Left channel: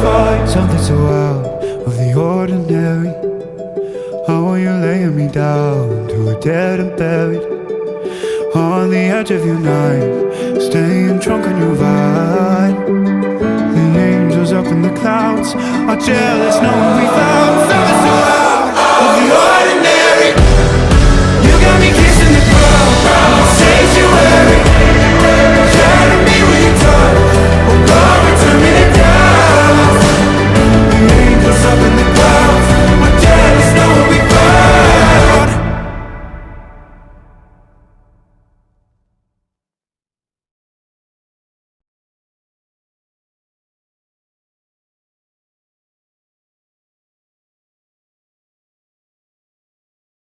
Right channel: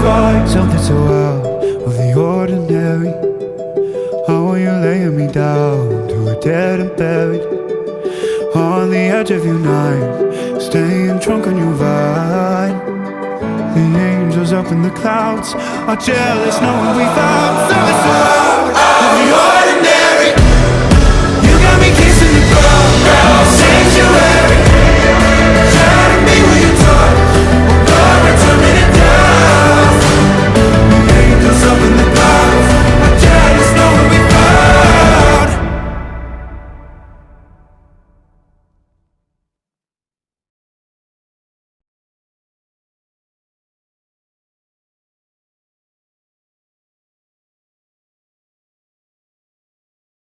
find something so out of the ordinary? How are you laying me down to a dead and buried? On the edge of your knife, staying drunk on your vine. The angels up in the clouds are jealous knowing we found something so out.